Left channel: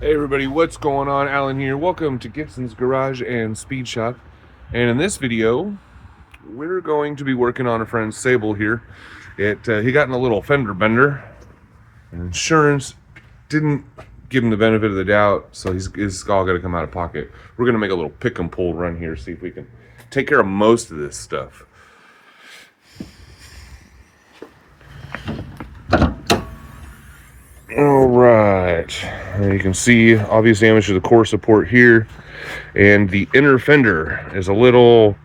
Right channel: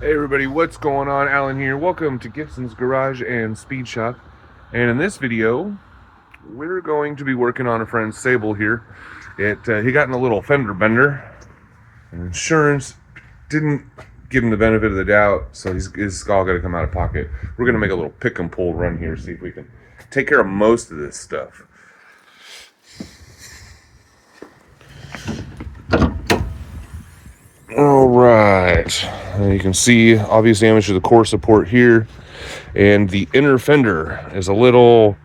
Hey everybody, what's going on? Alan here. Welcome to Gibson's Garage and Speed Shop. And in this video, we're going to be working on a friend's Sable here. He got in a little fender bender, and insurance didn't give him the benefit of the doubt, so his all got to come out of pocket. We're going to make a little pick and pull run here, see if we can take care of most of this stuff. All right, you can see obvious damage to the core support here, and the inner fender is a little,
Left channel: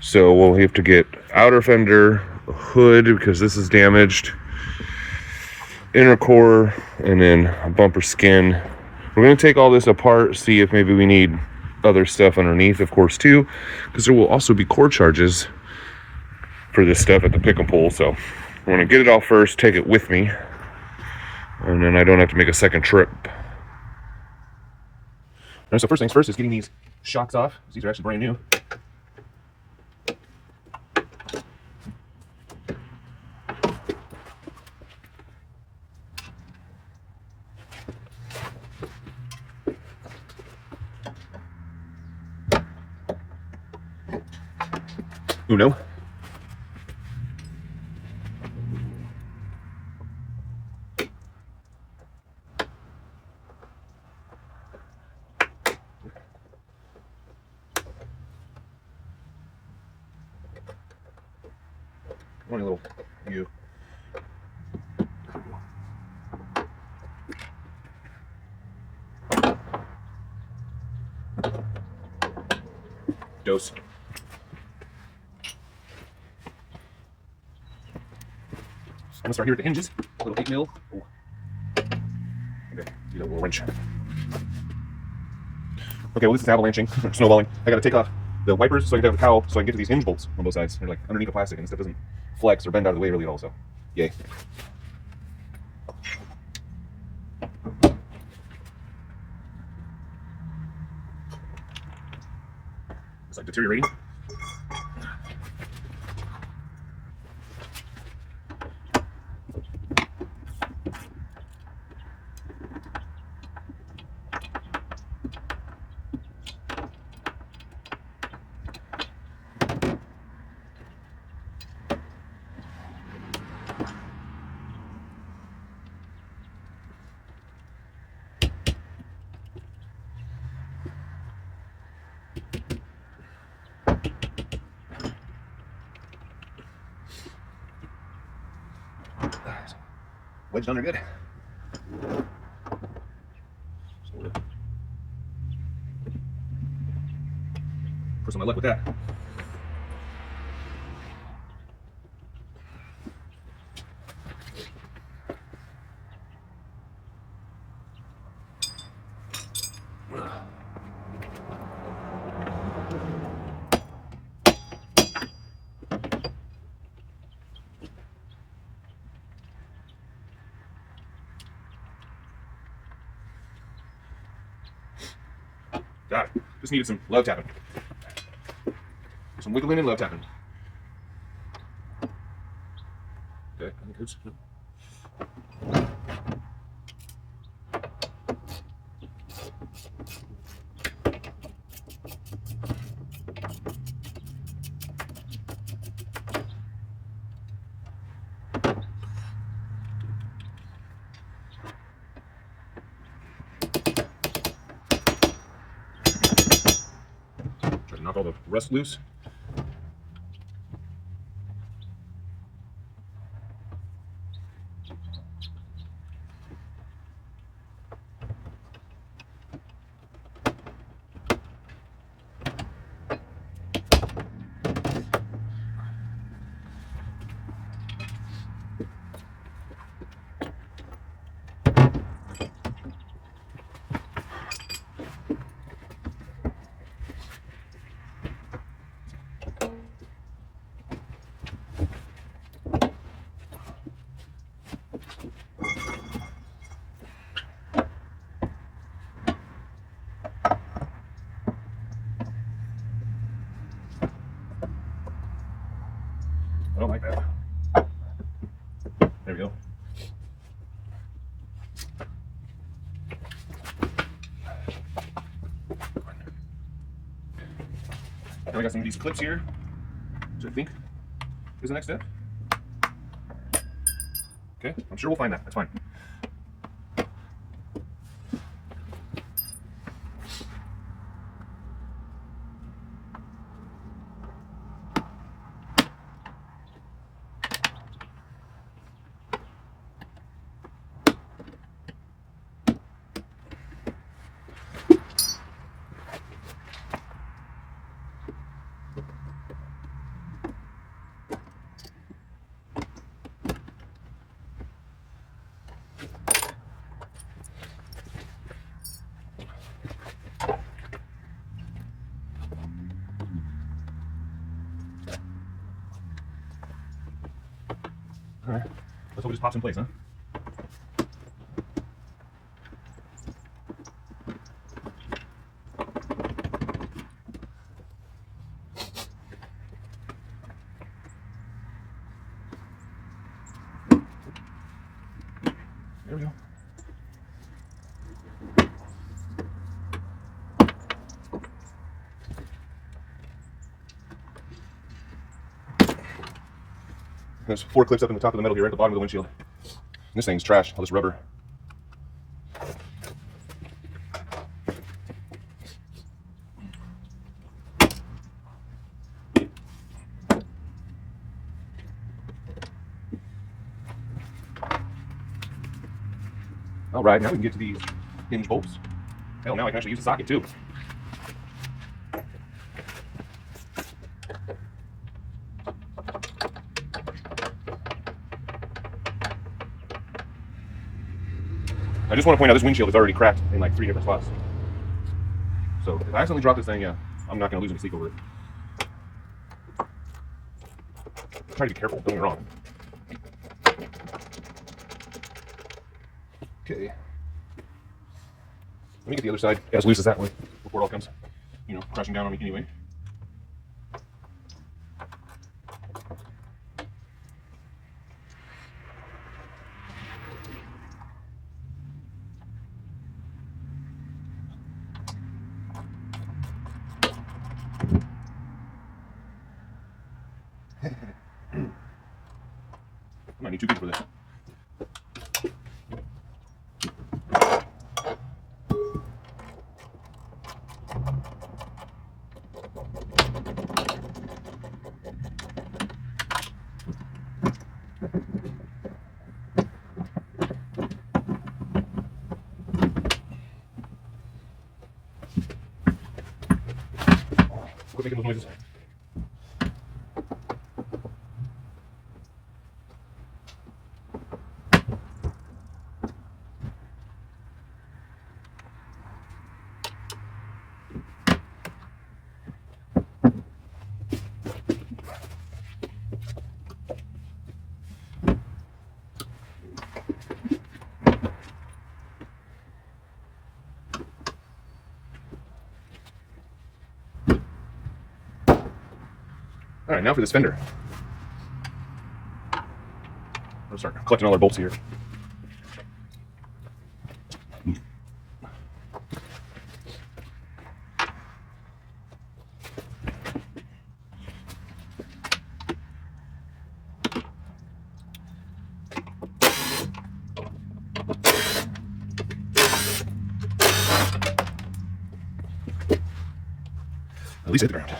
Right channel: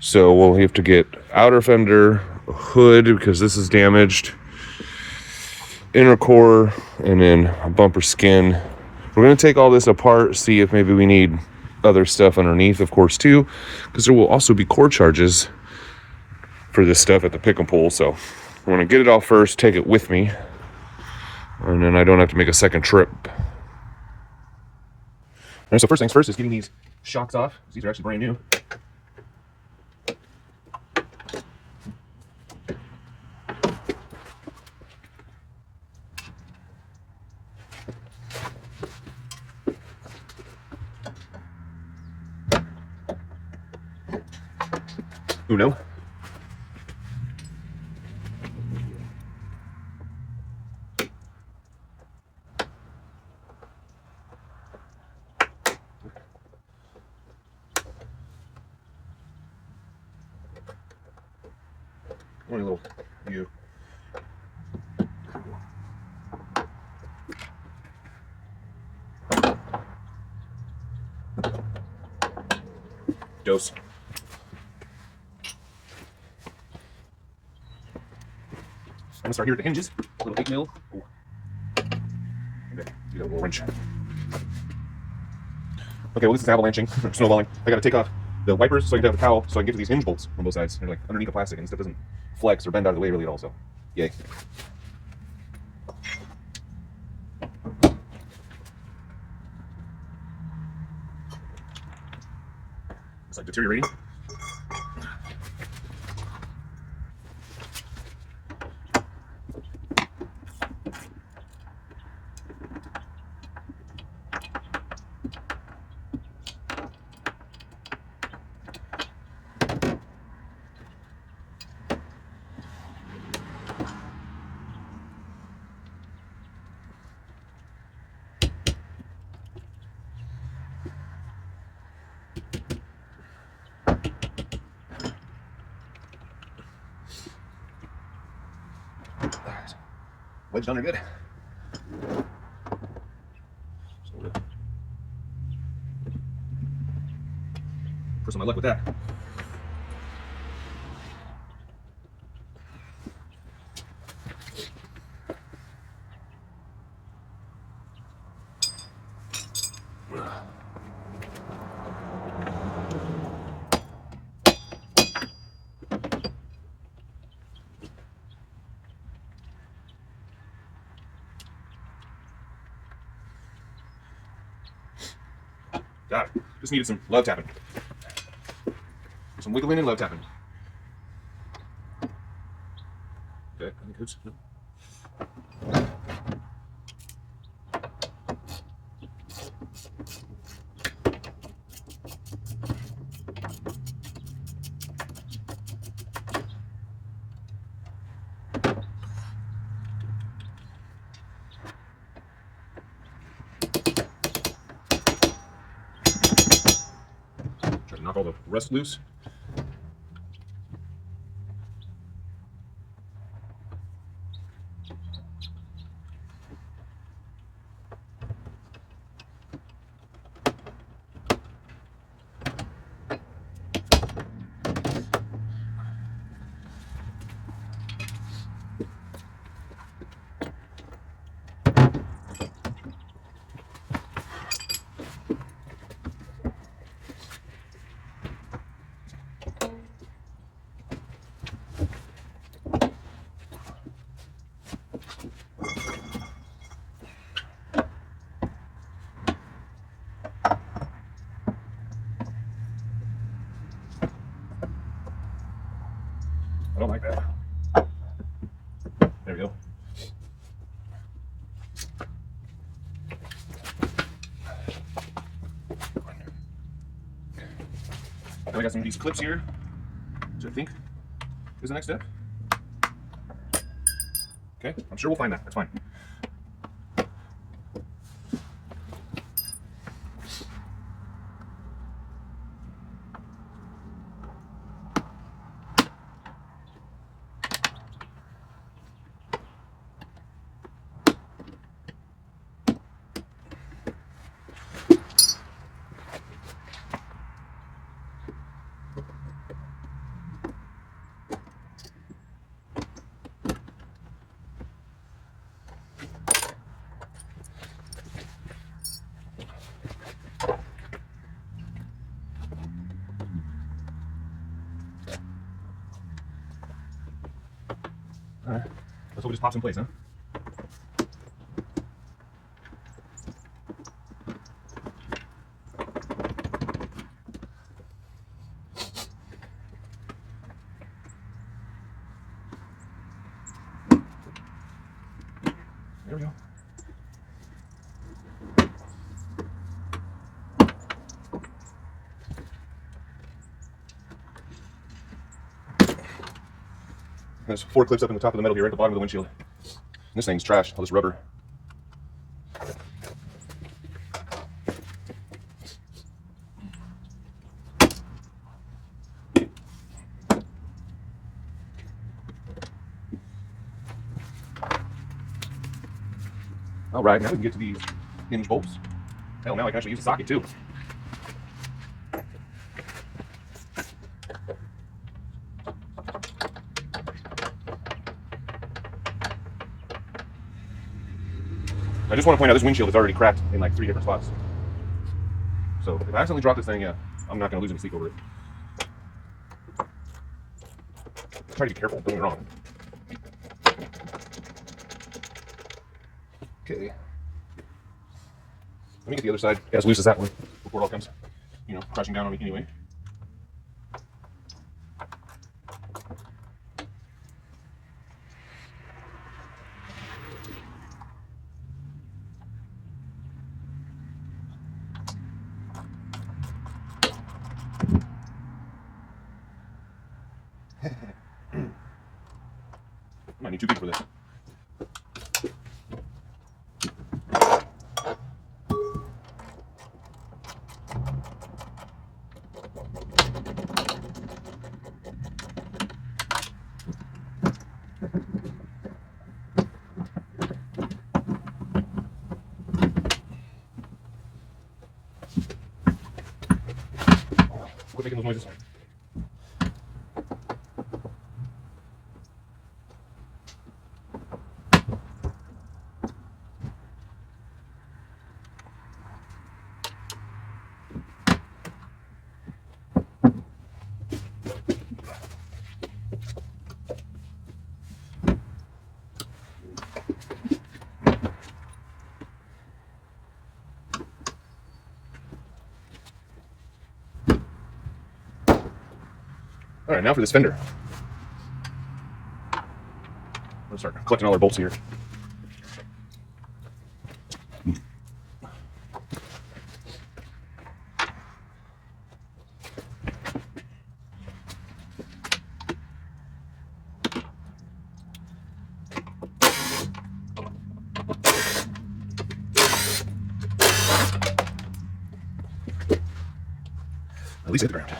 so we'll have to get outer fender, hood because this is damaged, inner core, and then a bumper skin. We're going to take all this apart, see if maybe we need other stuff underneath, of course, too, because there will also be core charges for this stuff at the pick and pull. So I'm going to get it all first, take it with me, and then I don't have to make a second trip. All right, so first things first is getting these shocks off. These are actually brand new. Uno. One little U. Dose. I'm gonna start here at the hinges. A little 8 mil. Ooh. Okay, do that little wrench. Okay, well this is avalanching, snowballing. I gotta take off the wipers so I can have a towel so I can get to these hinge bolts on both sides. They're like underneath the plastic and stuff doesn't flex or bend out of the way really at all, so yay. It's like deteriorating. Wedge done are good. First on my luck with that. Got it. Just needed some love tapping. Some wiggling and love tapping. Okay, I think it's. Try to knock all the rust loose. Then I got some of these clips here, which I think is the next step. Okay, I'm sure we'll find that. That's fine. All right, let's hope it just pops in place, huh? There we go. There's 4 clips up in the top of the metal here, right at the bottom of the windshield. This thing's trash, all this rubber. All right, now we can get to these hinge bolts. Hell, now I can actually use the socket too. I just want to point out this windshield is already cracked in like 3 different spots. So if I accidentally drop this thing, yeah, I'm not going to lose any sleep over it. Try to be careful, don't get me wrong. Okay. Let me get the other side as loose as that one before it all comes, crashing down on me anyway. I might need 2 people for this. Quit making those noises. All right, now for this fender. I'll start collecting all our bolts here. At least hit the ground.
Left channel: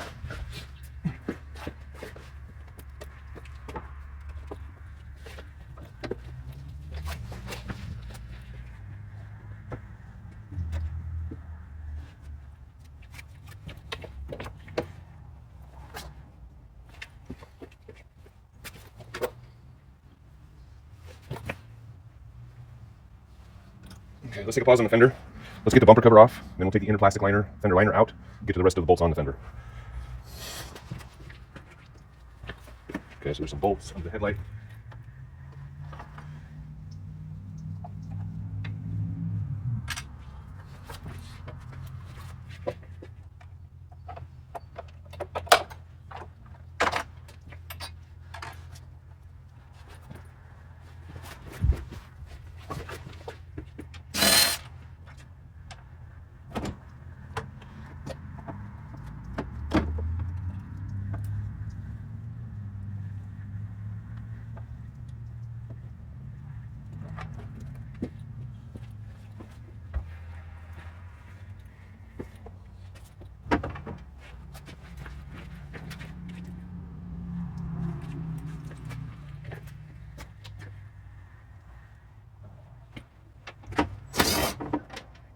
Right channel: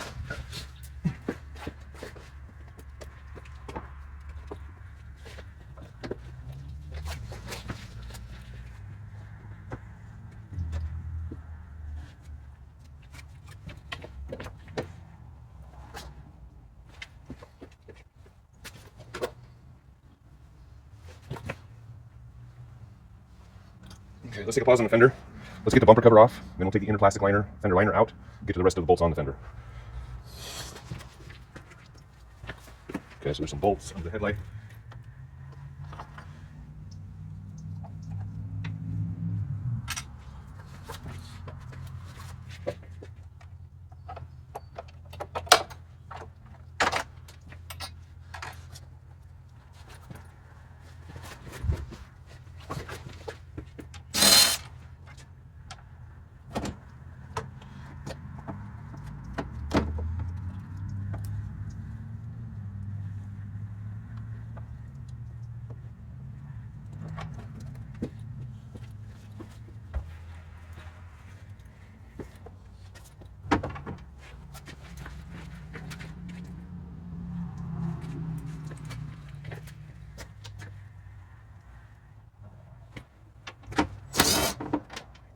Okay, let's take a pause on the fender. Let's get the bumper cover off. Then we'll take the inner plastic liner, fender liner out, get to the rest of the bolts on the fender. Okay, so there's some bolts on the headlight.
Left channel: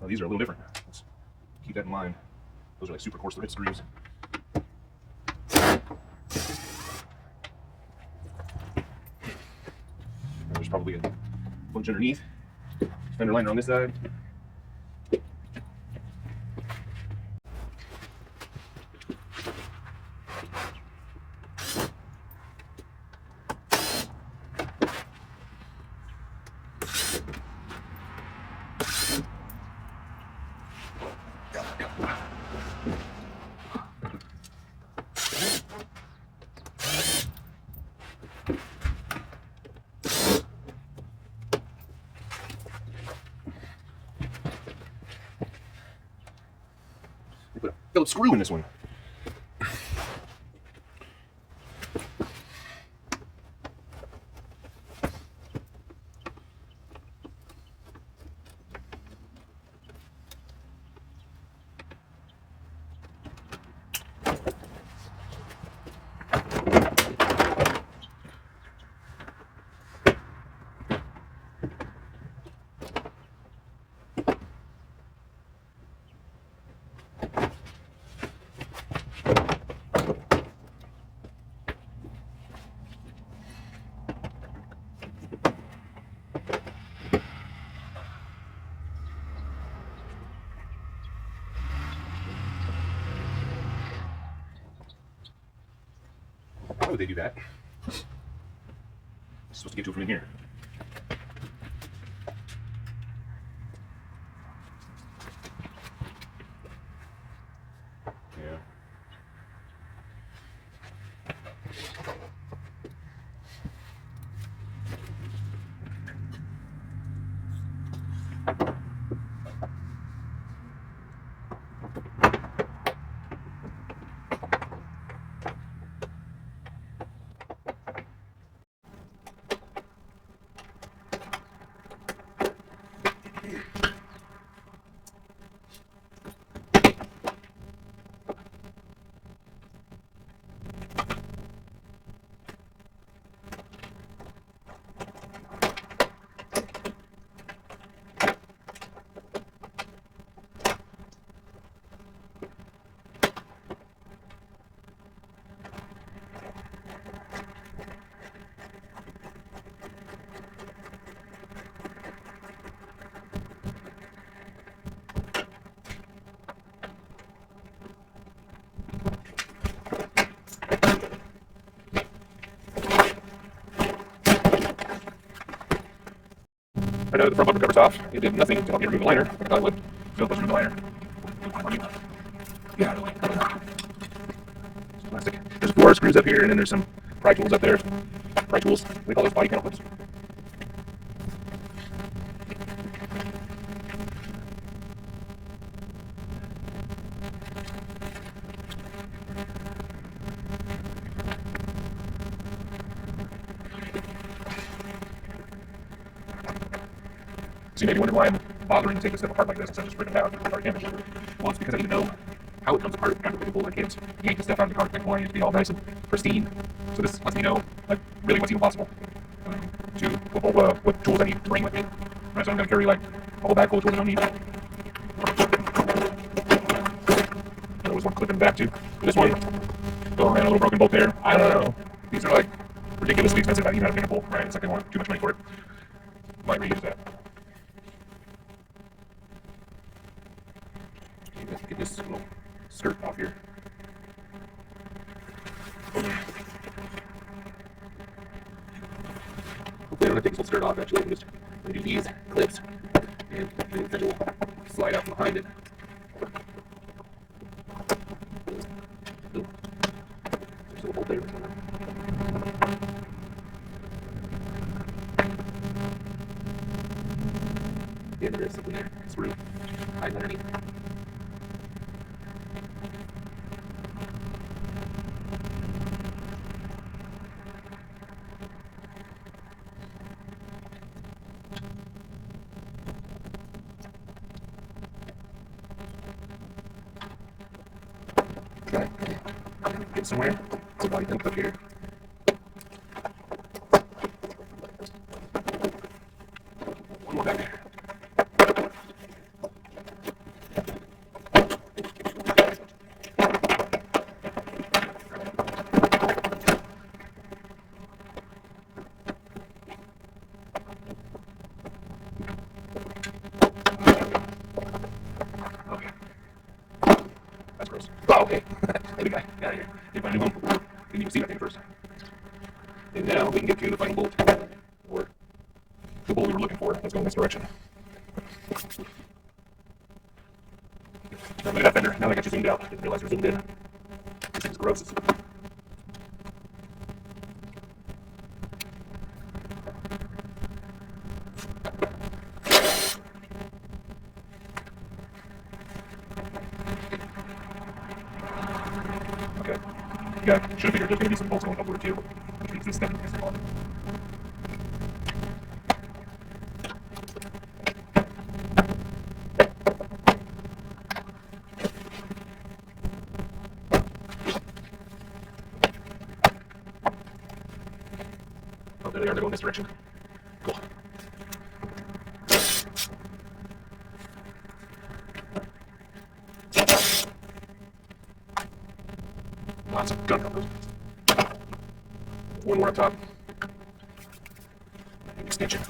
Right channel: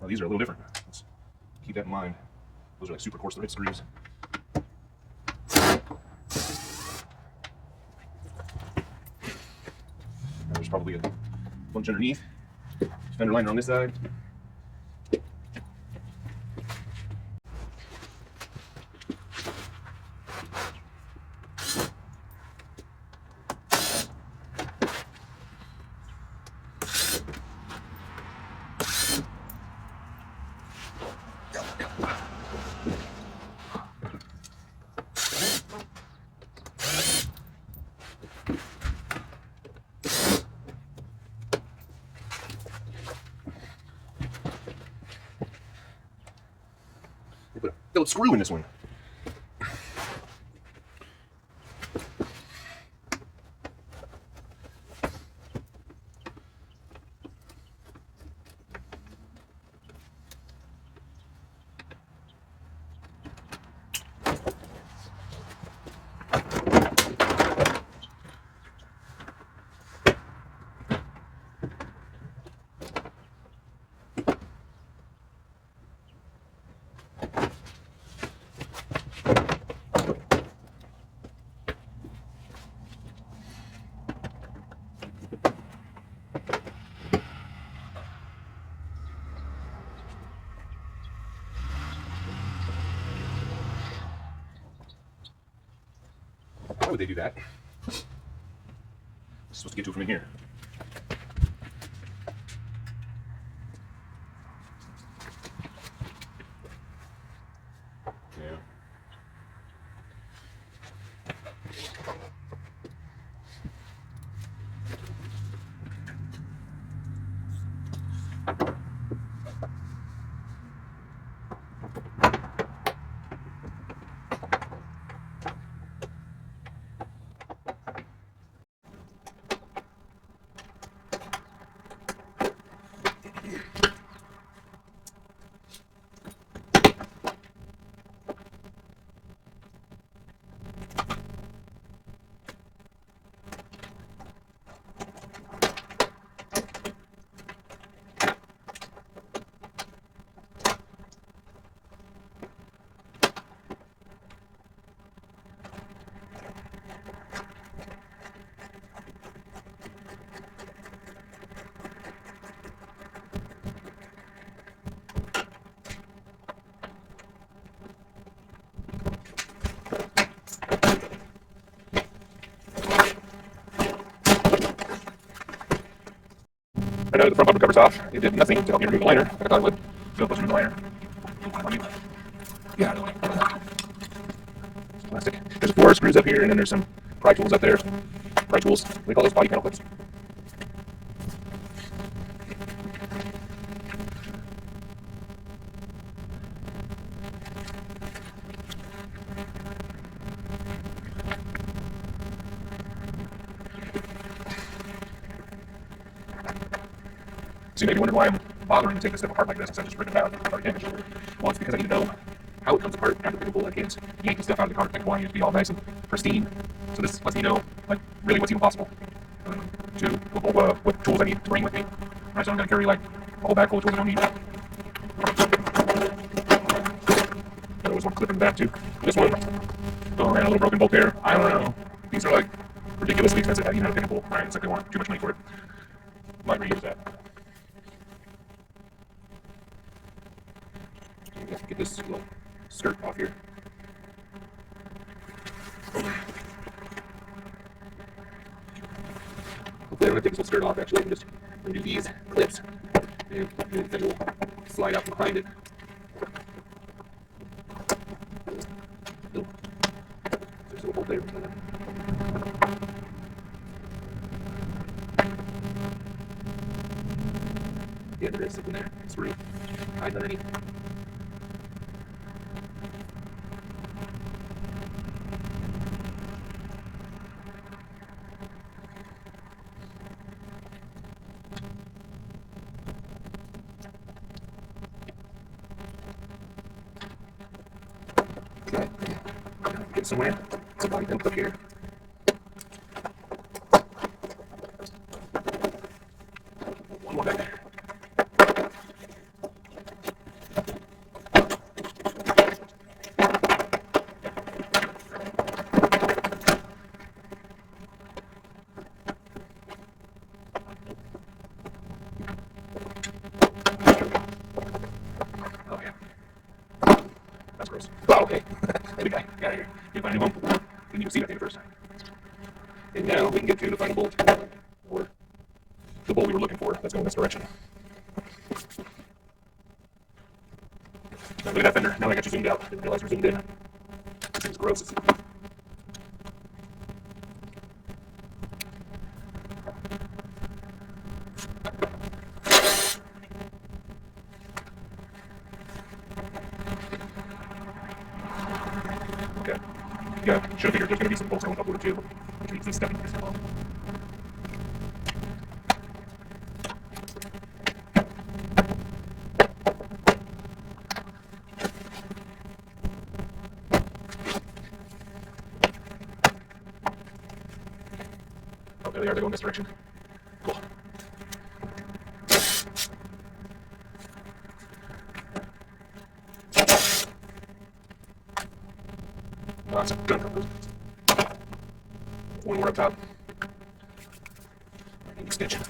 These are a little different. Let's keep that in mind. Those are like super coarse thread screws. There's probably a bunch underneath. Fender liner on this side. They put a Phillips screw in this one. Why would they do that? Supposed to get to it from in here. Yeah. I know the front bumper cover's off. It did nothing to help me remove the liner. I thought it would. So let's remove the liner. Yeah. Plastic. There's 4 screws up here, and then there's some pry tools up there. Pry tools. We call those body panel clips. So you may be wondering why I'm bothering to take this stuff apart like this instead of just ripping it out and start damage. Well, it's because I need to know how it comes apart after the bullet hits. Yank the stuff out of the car, like wanting it to be all nice and pristine. So this lets me know, like, really what's even possible. What tools I need to bring with me. Right, so I'm going to carry, like, a whole bag full of tools I don't need. There was one clip in the back, too. This one. Oh, man, a little broken bolt there. I don't know. These are, like, ridiculously expensive. I need out of pinnacle, right? It's like they want too much money for it. Might reuse that. Let's get this little skirt off here. Hopefully I'm going to take this little skirt off actually. Just do these clips and then we'll slide out from behind it. There's a little hole there. Yeah, there is something there. It's really hiding underneath. Get somewhere. It's a body dump up here. One more back there. Oh, okay. Hey, big guy. Get out of here. Get my new home. Didn't even see that thing first. And now we can get to the final bolt. Or the bolt we were looking for. Let's go in this direction. Now look at that fender. Now I got you zoomed out. Didn't realize we're zoomed in. This thing's gross. Okay. Yeah, should have figured there's going to be some bolts going up with it too. Which means these stepping things are on. Oh, there they are. They go in this direction. Cool. Lots of gun numbers. One more up top. An extension.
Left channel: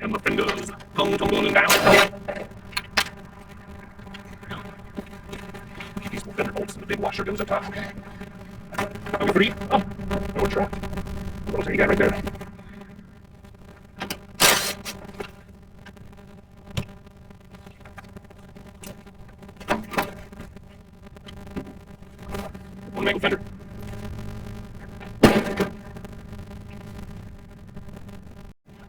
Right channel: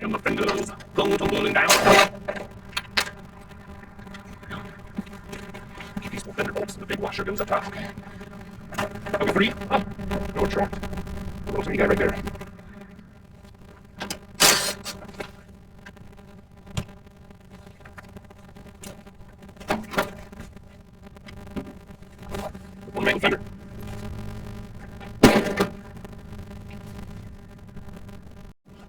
And the fingers come tumbling down. These fender bolts and the big washer goes up top. Okay. Are we free? We're trapped. The rotary guy right there. One man finger.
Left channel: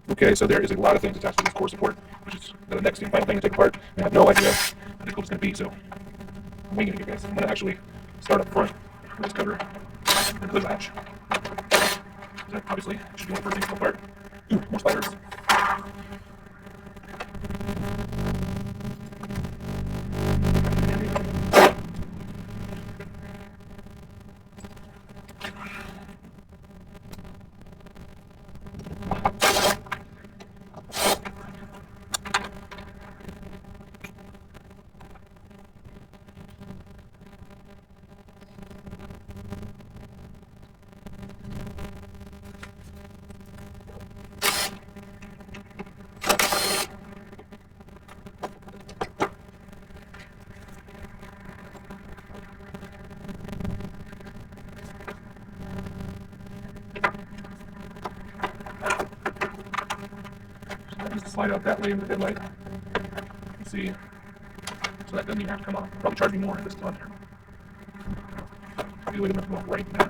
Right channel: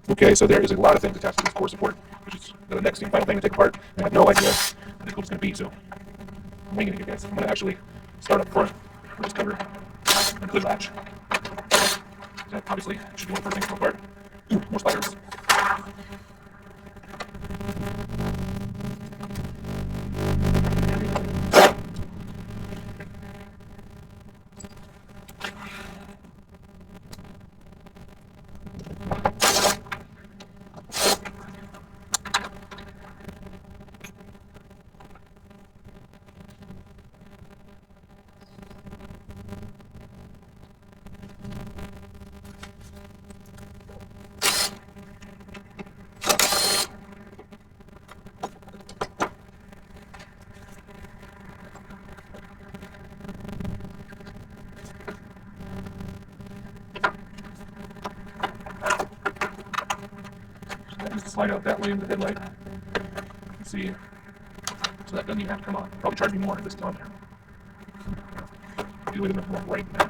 Okay, so there is a lot of things attached to this core support, which is the next and final thing to take apart. I have no idea how difficult it's going to be, so I'm winging it here, guys. I'm going to actually start up front, raise cover, and clear latch. That obviously should be the first thing to come apart. Ooh, more spiders. Slide out that way in the headlight. Let's see. So that doesn't even have to come on. Probably charge me more this time. Do it in the right now.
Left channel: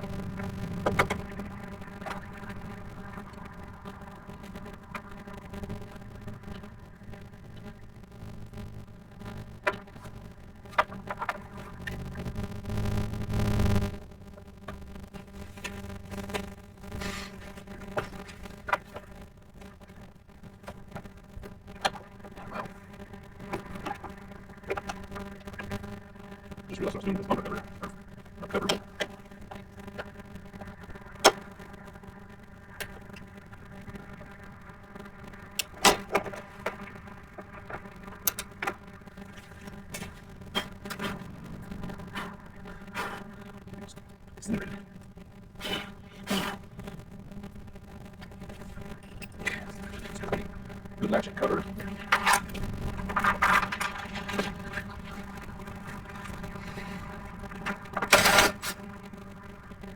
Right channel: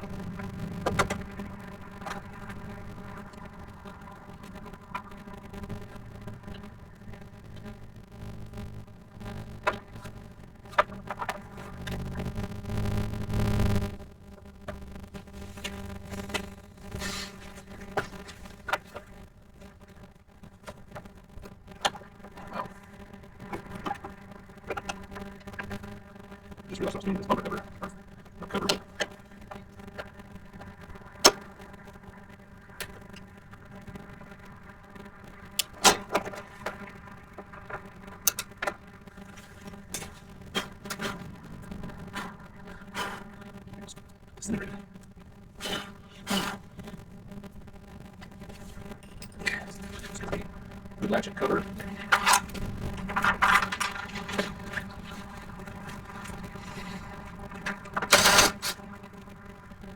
Just realized I was doing this bumper cover. Not cover, but incinerated. Good latch and cover.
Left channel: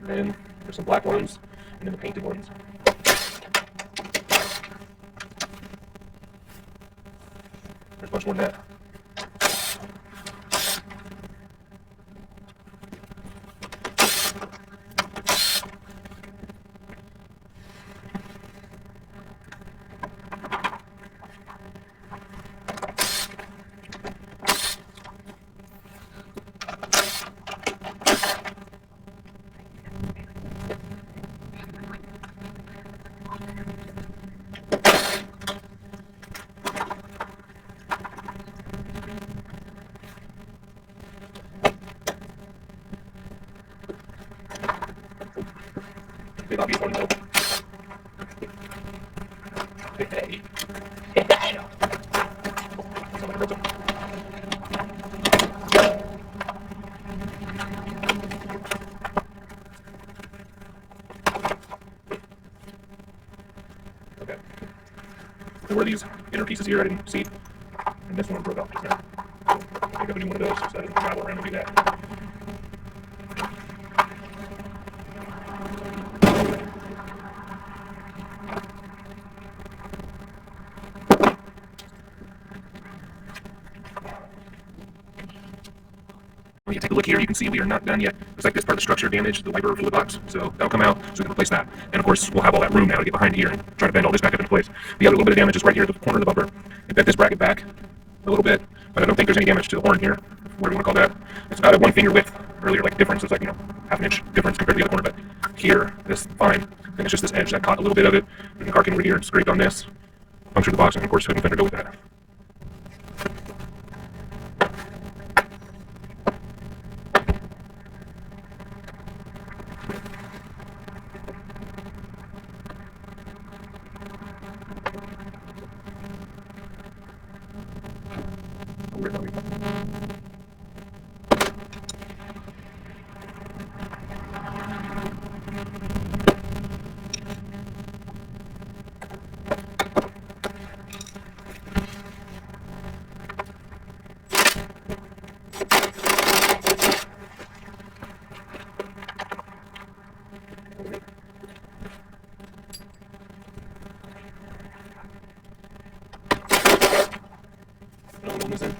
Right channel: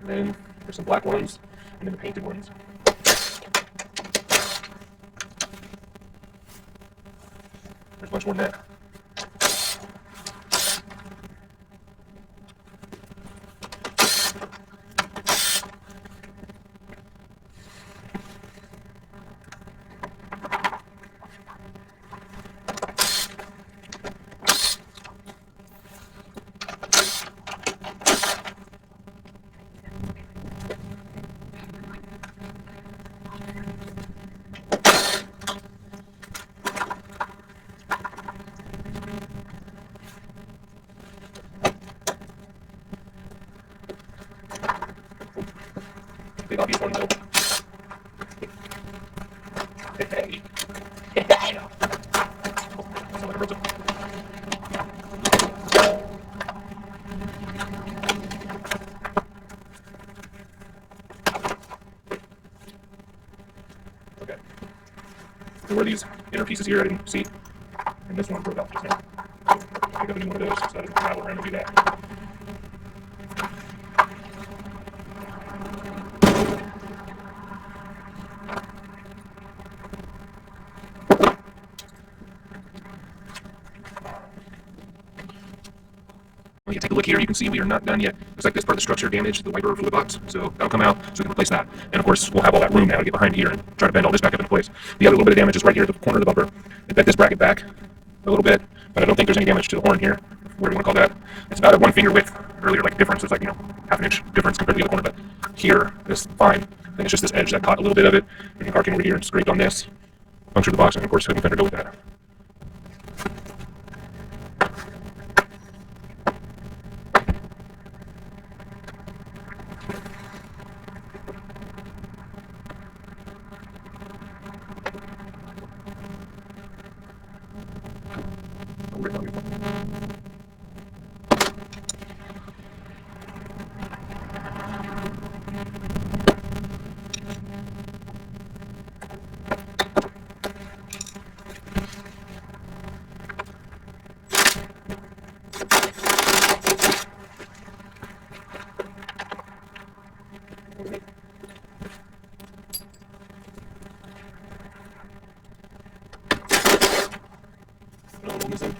And there's some black ones, and then the painted ones. There's much more than that. Big obvious one though. Hey. where these inner pieces here I didn't see, and this one broke off just now. I'm going to do one of those, so I didn't travel around and do that. When you take a look here, you can see we are not done yet. Looks like this part of the structure damaged the wiper fluid box, so that'll come out so we can replace that. And of course, we'll have all that room now to get behind here and try to bend all this back up into place. The other little bit of damage is right here at the corner of the bumper. I bent this bracket back a little bit, but I don't think there's any damage to the horn here, whatever you want to call that. It's about a 1 finger width. Earlier, like difference is like, half an inch difference compared to the other corner, but here, this fine. And it's just this edge that caught a little bit of it. And your car came over here and scraped on this, punctured the box, and of course, we can go with that.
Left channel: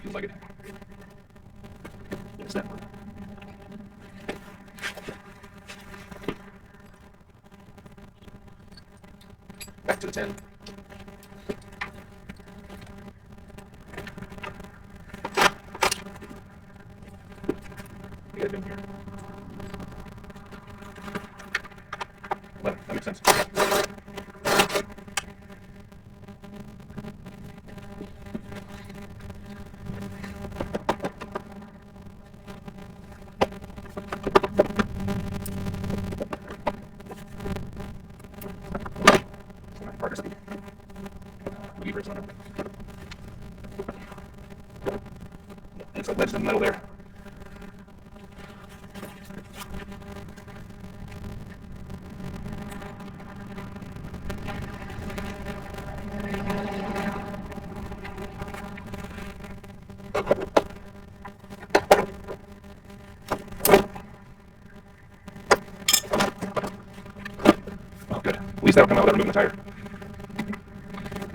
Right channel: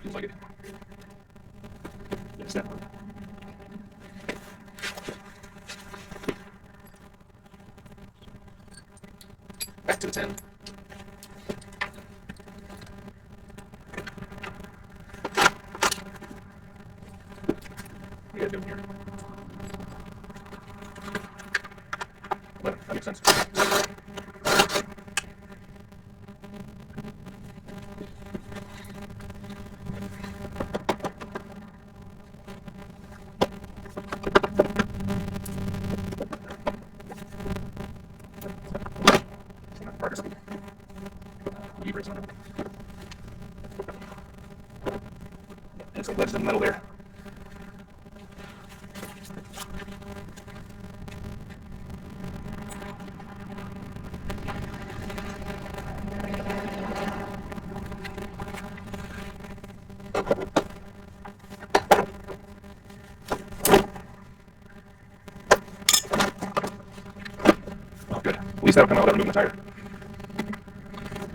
Feels like it. Yes, that one. Back to the 10. Yeah, down here. 11. That makes sense. And some wedges in the middle there. Oh, good. At least that'll come out without removing the tire.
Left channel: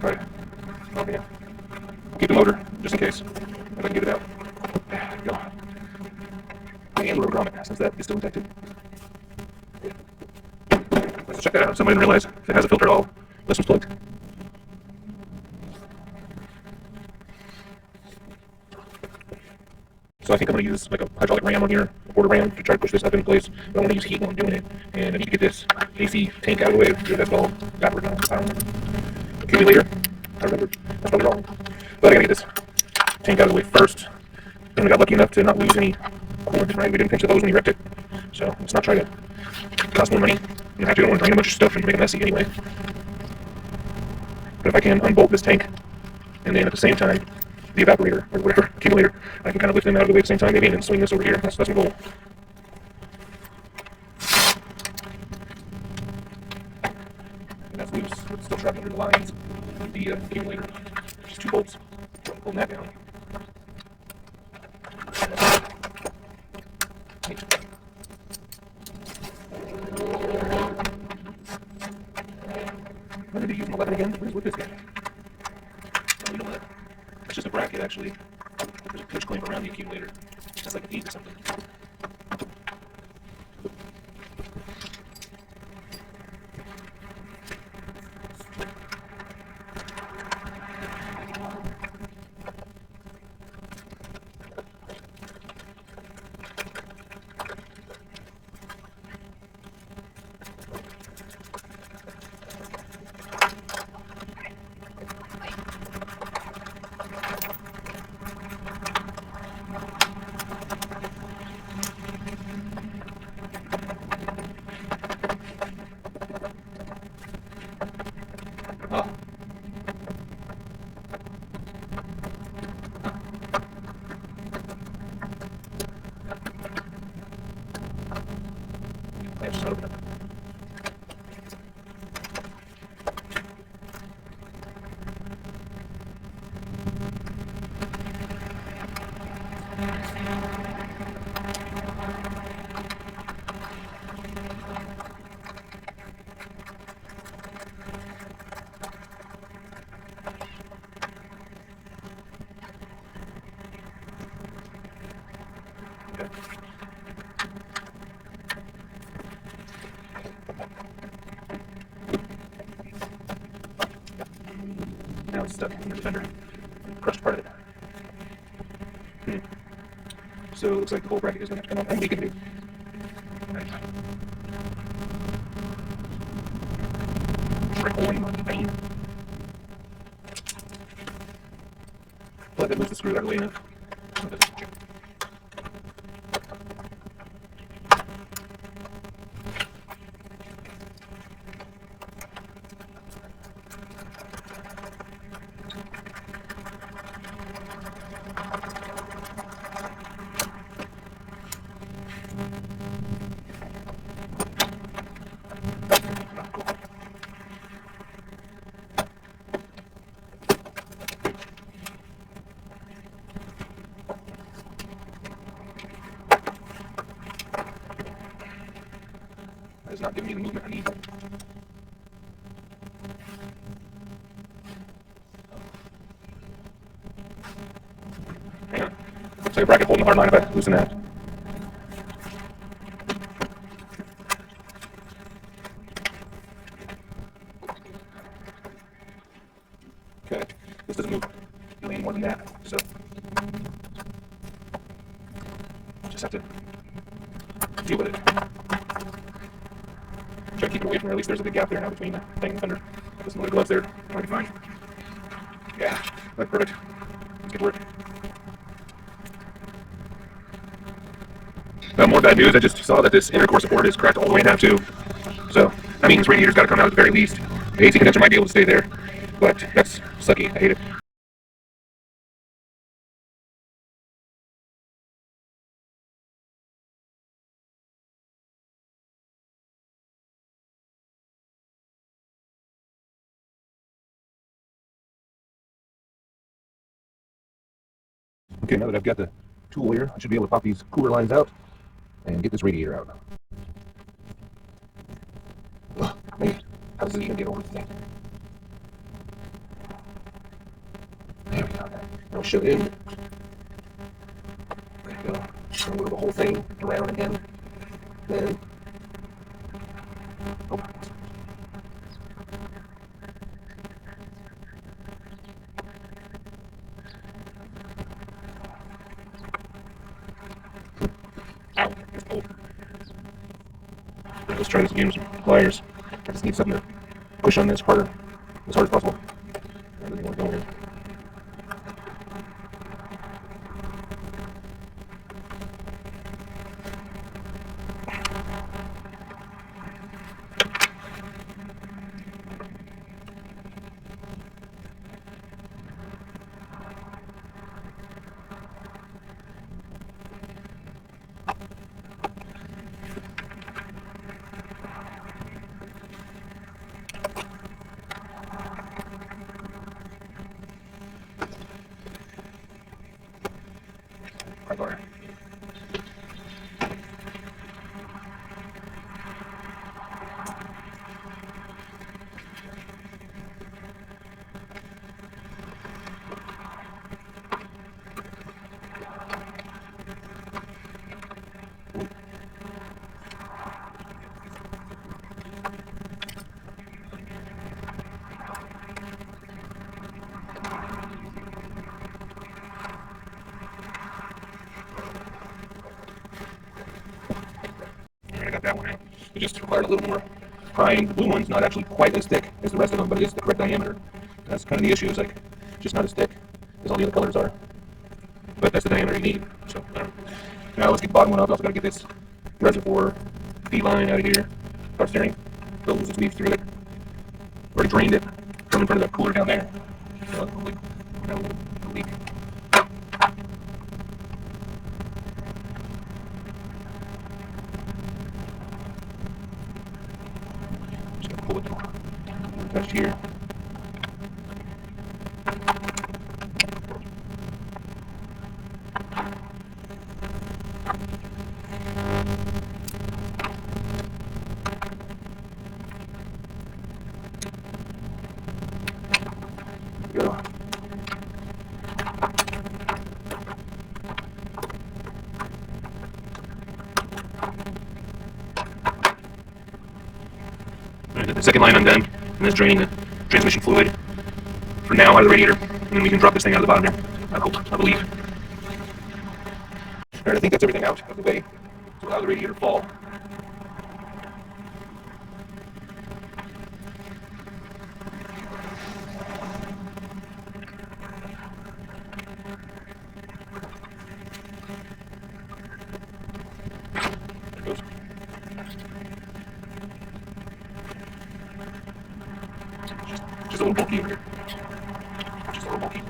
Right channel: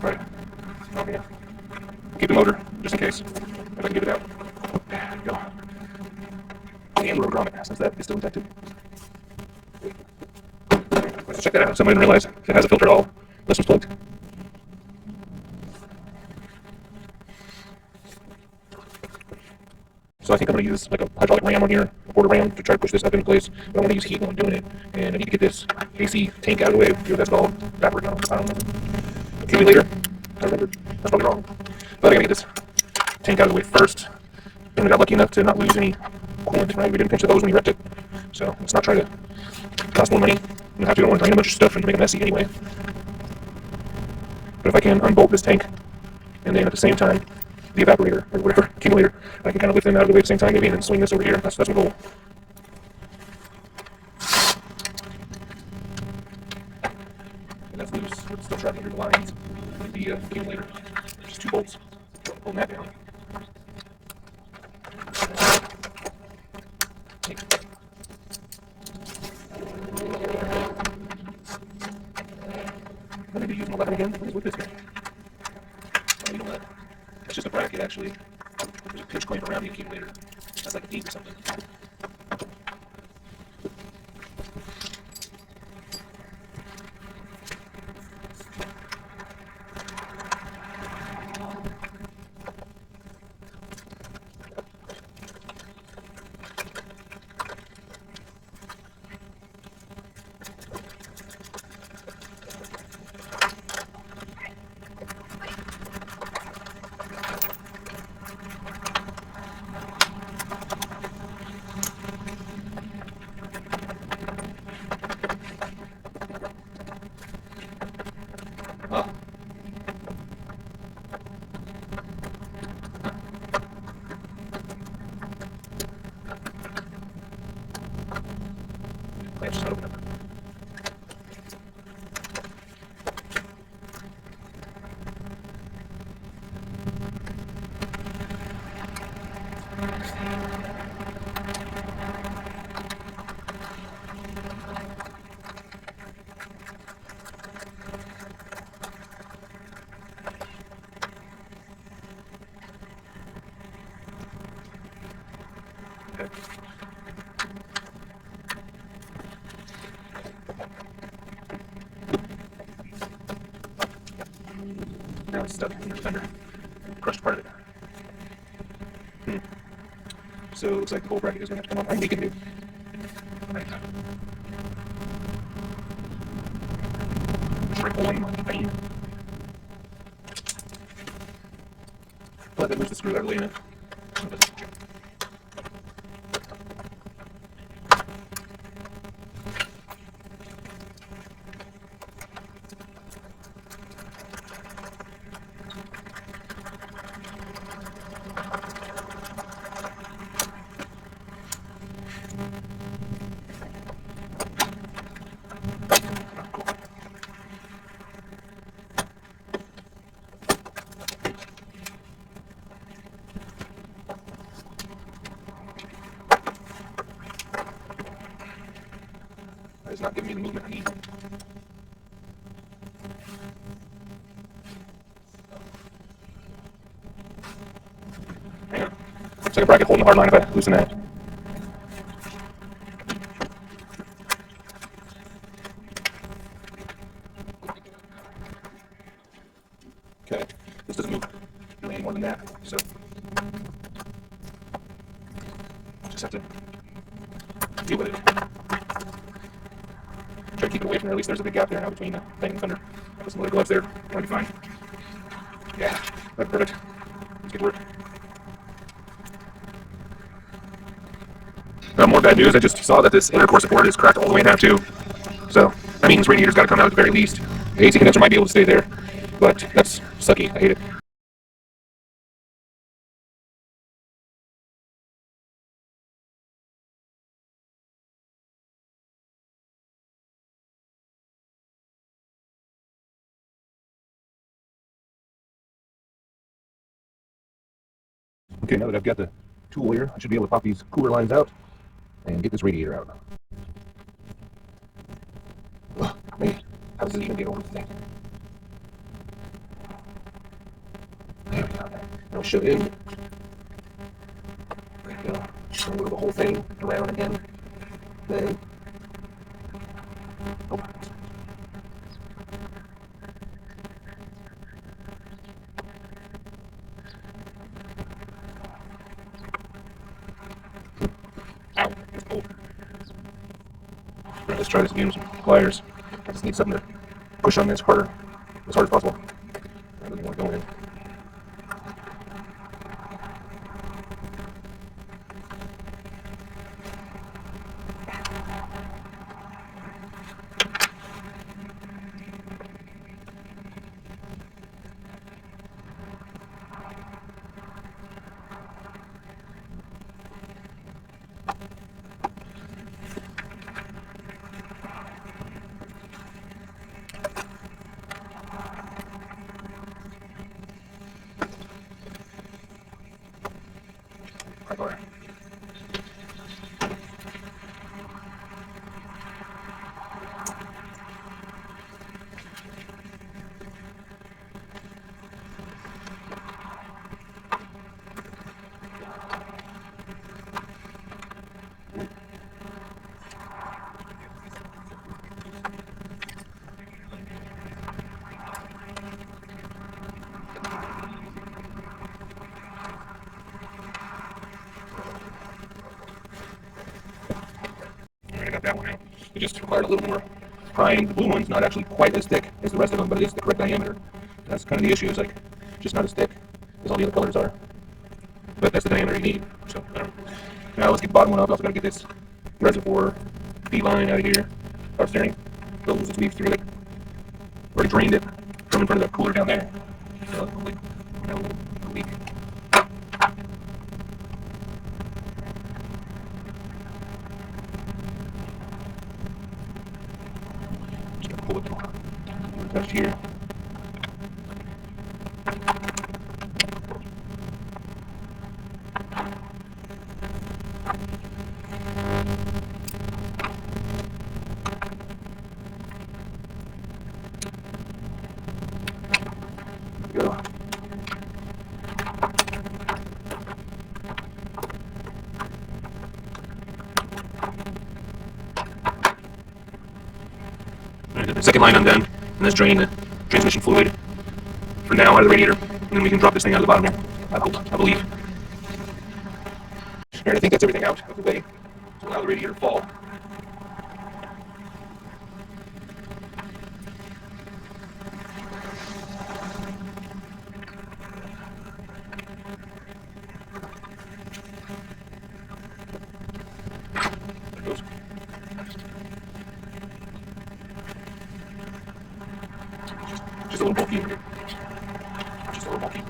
All right. Oh, yeah. Keep the motor, just in case. If I can get it out. There we go. And rotor on it, since that is still infected. Let's check that out. Somebody didn't realize if it has a filter at all, this was plugged. So I think I'm going to use like a hydraulic ram on here, a quarter ram, to try to push this up into place. But I want to use heat while I'm doing it. And I need to get this AC tank out of the way. Whatever that's called. Backward now. Accumulator. I remember. That's probably wrong. But I got to get this tank out of the way first. And we got lucky enough to not lose any coolant, right? We didn't pinch the hose when we wrecked it. So let's not try to cost more money. You have to, don't want to drain a bunch of stuff and make it messy anyway. But if I can unbolt this tank, and then at the same time, the evaporator, or whatever, accumulator, I can kind of lift them out of the way at the same time, maybe, and then swing this over here. That's my goal. And that's loose. It's still trapped under the lines. The accumulator. There's just 2 bolts holding that down. I need to use my weapon again. What is with this guy? Oh, you know what? It's just a bracket, actually. There's a pinch clamp around the accumulator. That's like a teeth or something. Okay. Now it's stuck in the fender. Crushed part of it. So it looks like the whole bracket is going to have to come on. I'm making it. Right. Triple M. Well, that moves the screw out of the way enough. That is not giving me the movement I need. Hang on. It's like a bracket holding the hard line if I loosen that. Okay, this doesn't move any more than that, so just have to deal with it. Try to keep it away from there. At least there's a big gap there now between the thing and the fender. Put some other gloves there. That'll be fine. Yeah, that's perfect. Let's get to work. Now, more bad news. I just saw that this inner core support is cracked all the way down too. So that means radiator's got to come out at the very least. The AC condenser might be able to stay there, but that's sucky. I hate it. Okay, now that I've got the tool here, I should be able to pop these cooler lines out and get this radiator out. Ugh, man, how does it even get over this thing? There we go. I'll shove it in. There we go. I'll move the whole thing around again. Then, oh. Ow, it's cold. Let's try this again with some pliers. I just need something to push on this harder, as hard as possible. I don't want to go in. Right bar. I got that one out. It just required a little more prying. The blue one's not actually quite as thick as the rest of them, but it is the correct diameter. That's kind of the issue. It's like just not as thick as all the other colors are. But that's the diameter you need. So now let's get the bottom one off. Also got to get this reservoir feed line out of here. Power steering. Those just weave through it. Already drained it from in front of the cooler down there. So now we'll leak. Pull it left here. the second line undone, and that's draining the transmission fluid for now out of the radiator, and then we can drop this thing out of the bottom here. I believe. Alright, I think that's everything out of the way. So allow the radiator to fall. There it goes. Just a little bulky over here. Just a little bulky.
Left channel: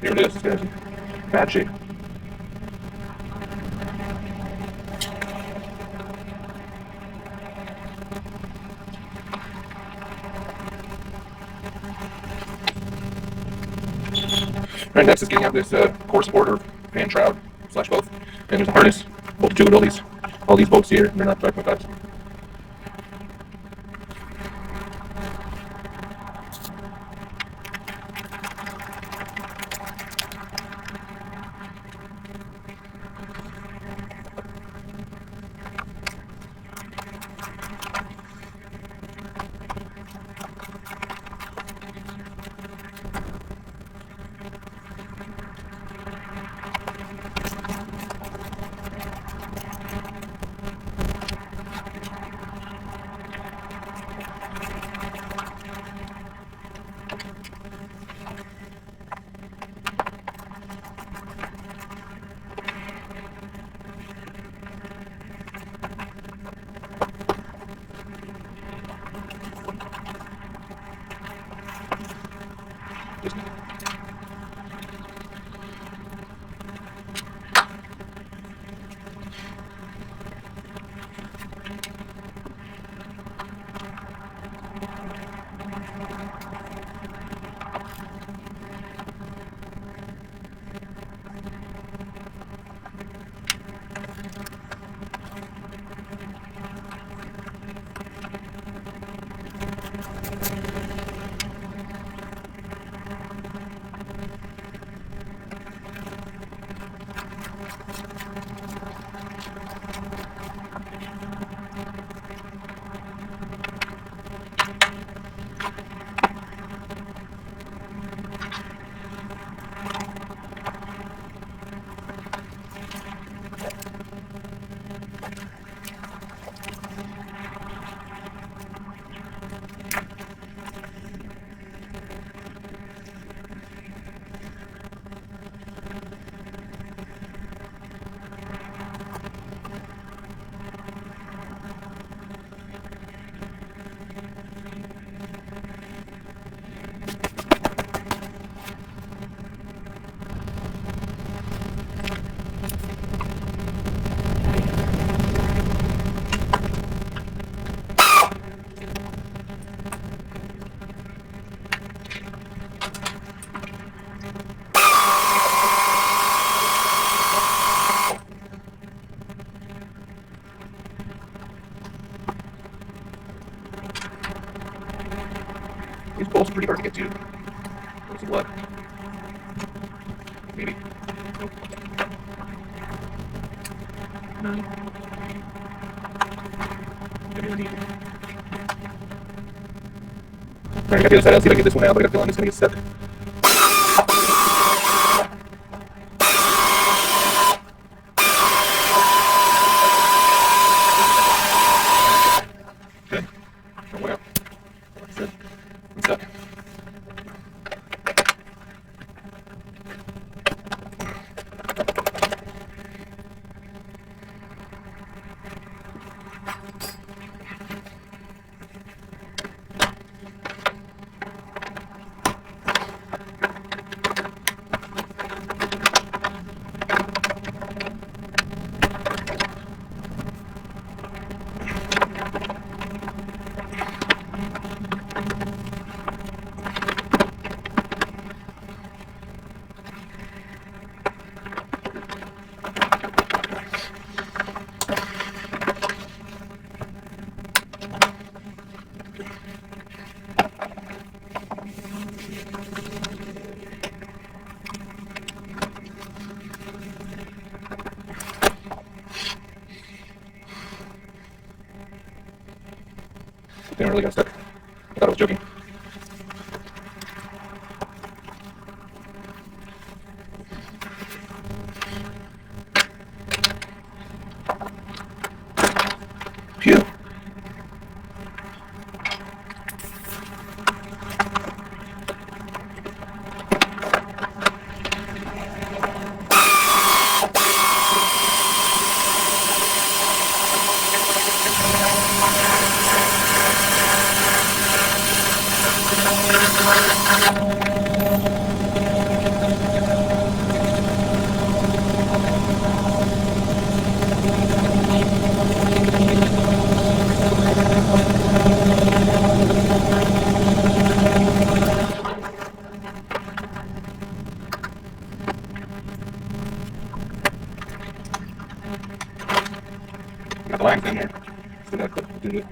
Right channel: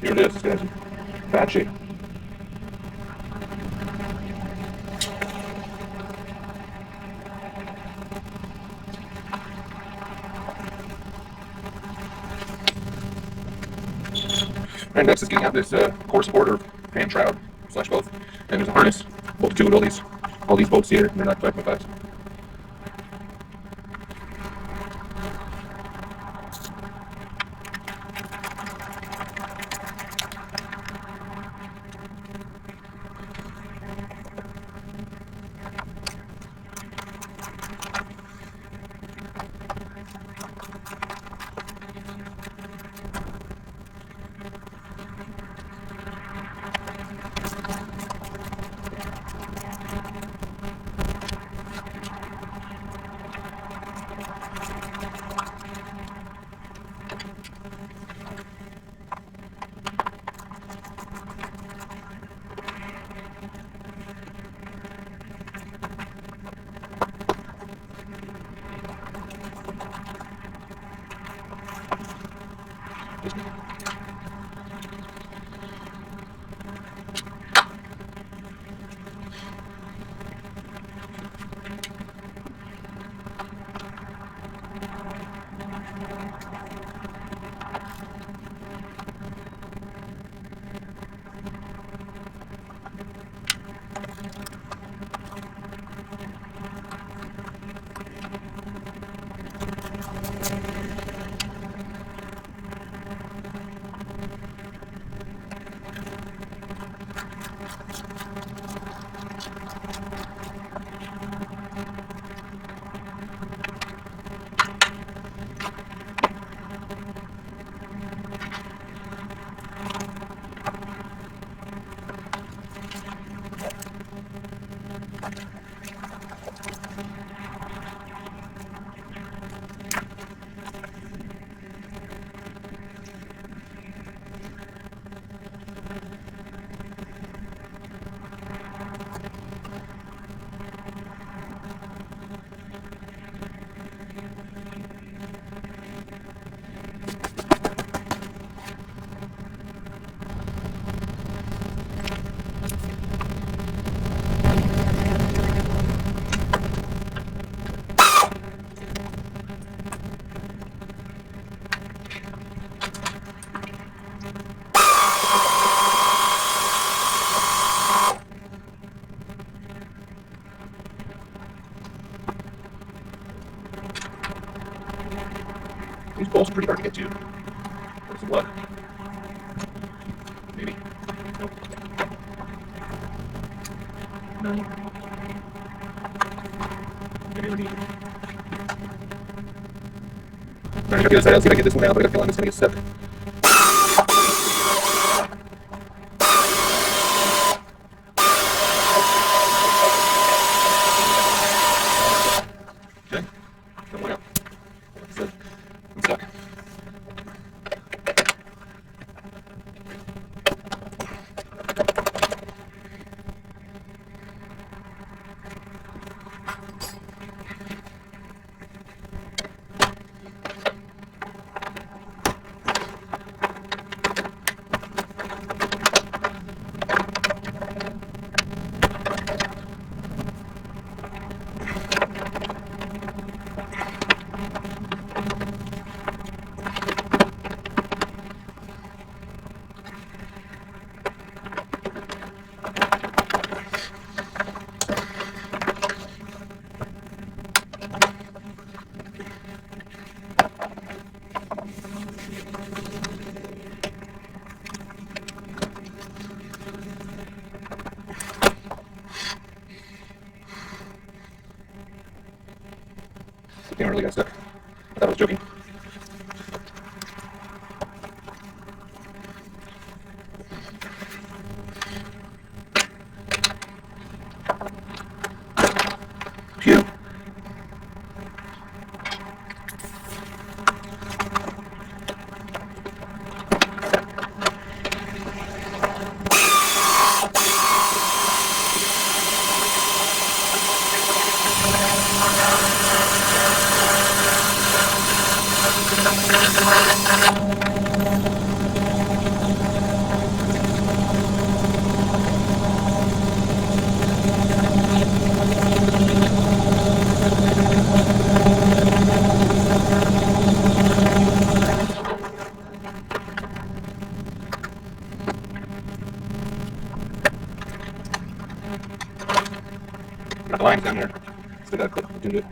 Here it is. It's in bad shape. Alright, next is getting out this core support or hand shroud / both. And there's a harness bolted to it. All these bolts here, and they're not like my thoughts. These bolts are pretty hard to get to. There's some blood. Maybe. Nope. No. Maybe I need. Alright, I got the other side. Let's see if I can get this one out. I got a feeling it's going to get stuck. Okay. Oh, yeah. That's it. I'm stuck. Damn, I really got stuck. I thought I was joking. Phew. Got the lines down there. So that clip will do it.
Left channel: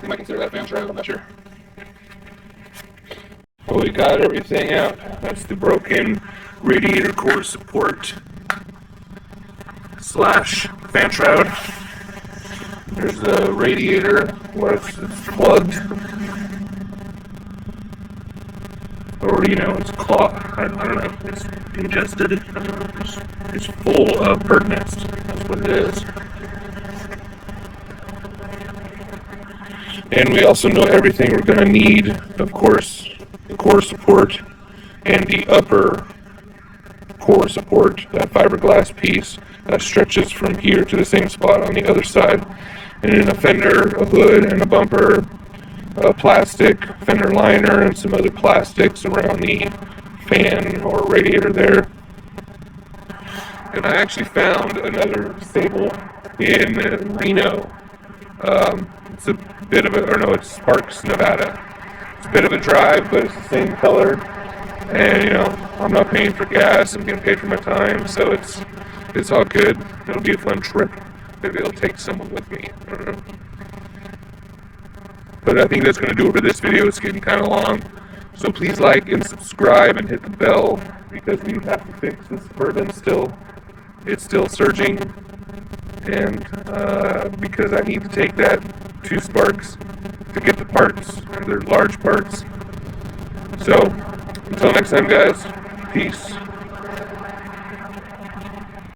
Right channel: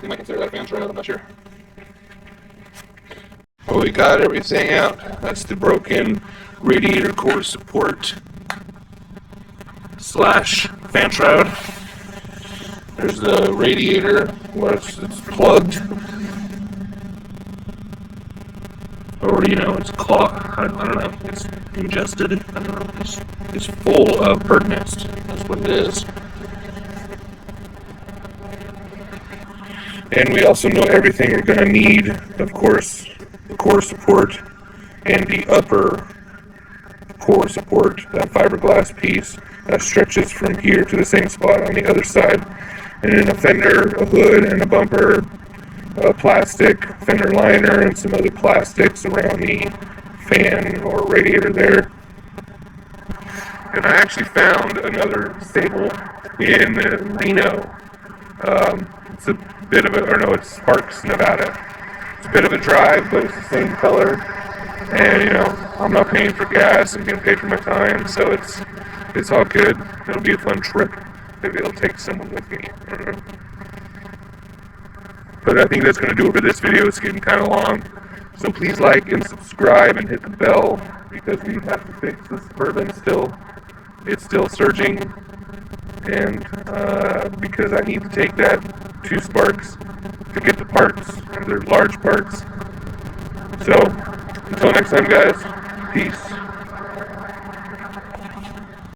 They might consider that a fan shroud, I'm not sure. Well, we got everything out. That's the broken radiator core support slash fan shroud. There's the radiator where it's plugged. Or, you know, it's clogged. I don't know. It's ingested. I don't know. It's full of bird nest. That's what it is. And we also know everything we're going to need, of course, the core support and the upper core support, that fiberglass piece that stretches from here to the same spot on the other side. And then a fender, a hood, and a bumper, a plastic fender liner, and some other plastics around the fan or radiator there. And I actually found another Sable in Reno. It's a bit of a, or no, it's Sparks, Nevada. It's a bit of a drive, but it's the same color. And, you know, I'm not paying for gas, I'm getting paid for my time, so it's all good. It'll be a fun trip. Maybe I'll take someone with me. I don't know. But I think that's going to do it for this video. It's getting kind of long. So please like and subscribe and hit the bell, because we have to fix this bourbon still. It's still surging. And because I need to take that to Sparks to get the parts, and they're large parts. So until next time, guys, peace.